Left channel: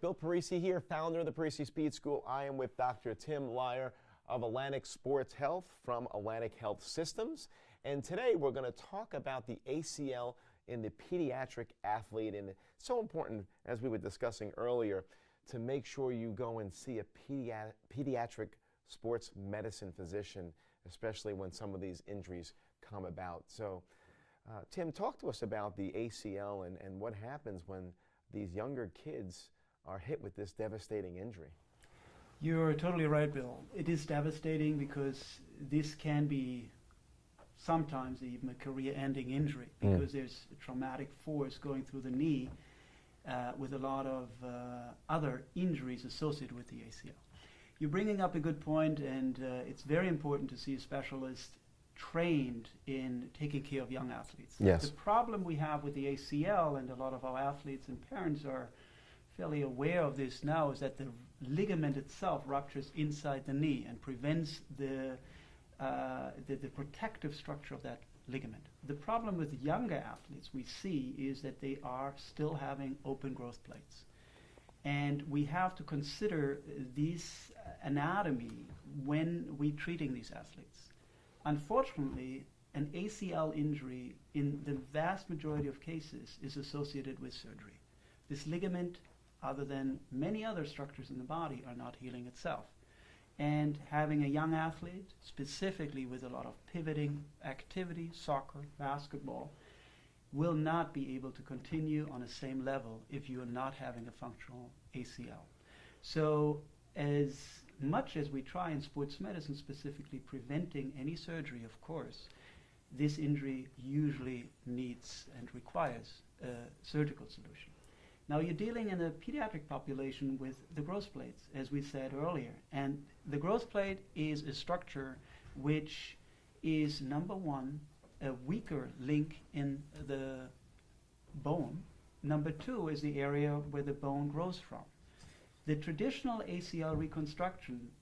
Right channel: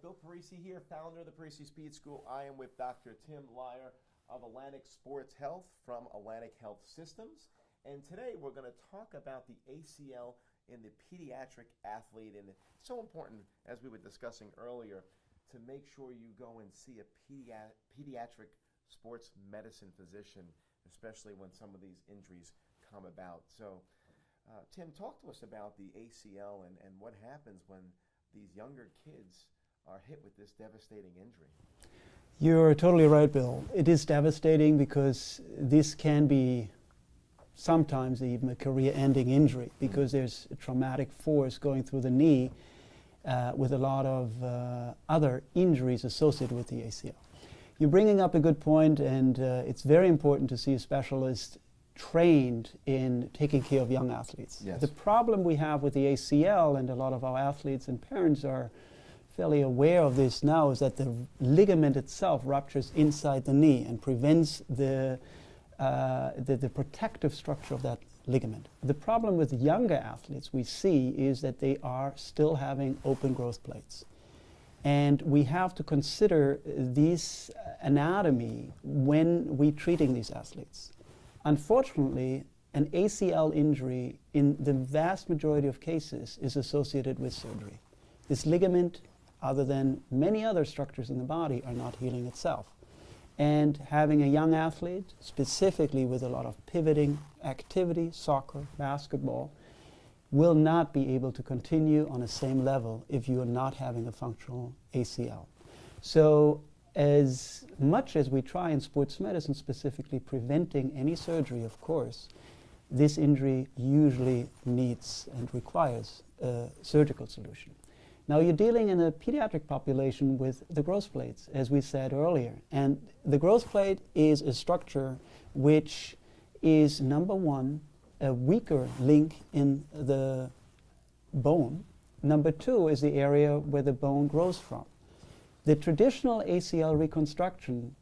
Bill Parisi here, founder of the Parisi Speed School. I am with Dr. Tim Leier of Atlantic Sports Health from Atlantic Health Systems. And today we're going to talk about the ACL in the pediatric athlete. And it's so important, as we were discussing earlier, to make sure you go and see a pediatric sports medicine physician, especially when some of these injuries come about. So, Tim, talk to us about the ACL and what happens when these younger kids are hit with this devastating injury. You're totally right, Bill. It is devastating because this can be sometimes even a career-ending injury because there's a traumatic force going through the knee with a lot of other injuries associated with the ACL. You're bringing up a good point, and it's very important to see a specialist trained in taking care of young athletes. Yes. The problem we have with the ACL, and a lot of our athletes and parents are fairly aware of this now, is that the ligament itself ruptures inside the knee and prevents the protective structure of that ligament. The problem with younger athletes we see is that they are still having open growth plates. And we have to consider this anatomy when we're treating these athletes. Unfortunately, an ACL injury in the vast majority of cases is associated with surgery. This ligament, other than many other structures in the body, are not healing itself. And having a young athlete, specifically with a lot of pivoting activity, soccer, basketball, will not be able to continue on the same level if you are not having a functional ACL. So as much as we try in sports medicine, specifically preventing any surgery, of course, this injury usually needs and requires a surgical solution. Now, you're dealing in a pediatric population with the growth plates, as we said earlier. And the growth plate is a structure which is, number one, a weaker link in the bone. Number two is the area where the bone grows from. The traditional ACL reconstruction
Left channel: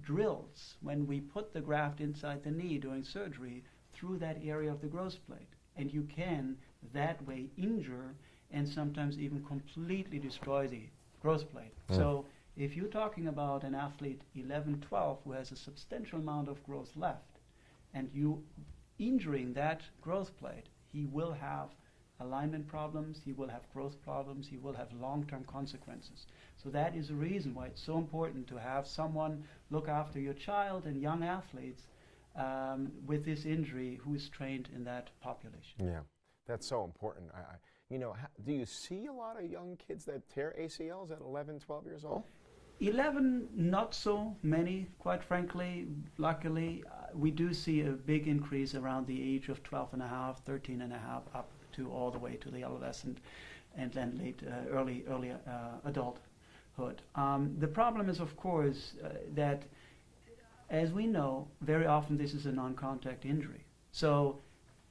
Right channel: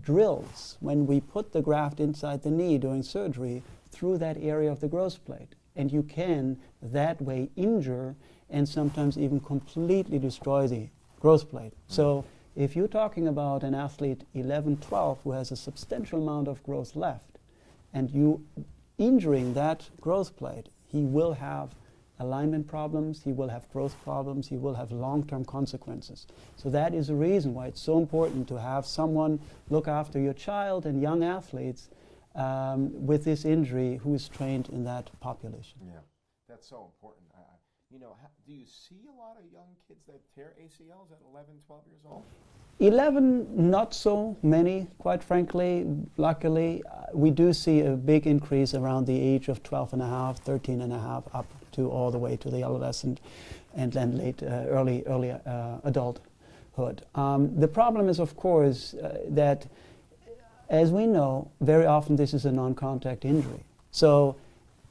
drills when we put the graft inside the knee during surgery through that area of the growth plate. And you can that way injure and sometimes even completely destroy the growth plate. So if you're talking about an athlete 11, 12 who has a substantial amount of growth left and you injuring that growth plate, he will have alignment problems, he will have growth problems, he will have long-term consequences. So that is the reason why it's so important to have someone look after your child and young athletes with this injury who is trained in that population. Yeah, that's so important. You know, do you see a lot of young kids that tear ACLs at 11, 12 years old? 11, not so many, quite frankly. Luckily, we do see a big increase around the age of 12 and a half, 13 and a half, up to all the way to the adolescent and then late, early adulthood. The problem is, of course, that, as we know, very often this is a non-contact injury. So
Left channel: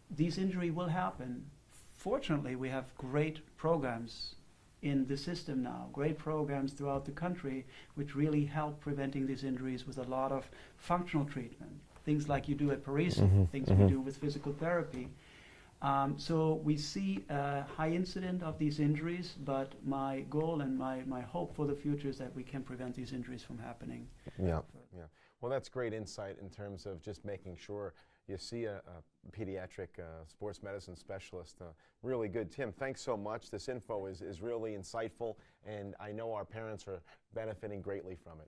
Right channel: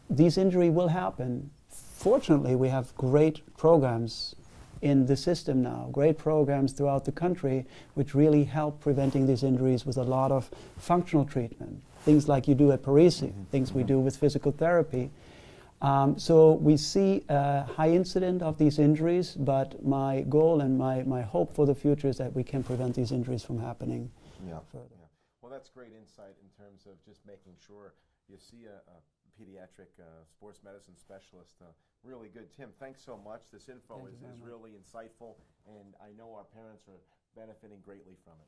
this injury will happen. Fortunately, we have great programs in the system now, great programs throughout the country which really help preventing these injuries with a lot of functional treatment, things like you do at Parisi, things we do with physical therapy. So we see a high incidence of these injuries, but my goal and my hope for the future is that we can prevent these injuries from happening. Yeah. Well, that's great insight in terms of just making sure you see a pediatric sports medicine specialist. Really good. Tim, thanks so much. This info is really insightful, and I know our parents are benefiting greatly from it.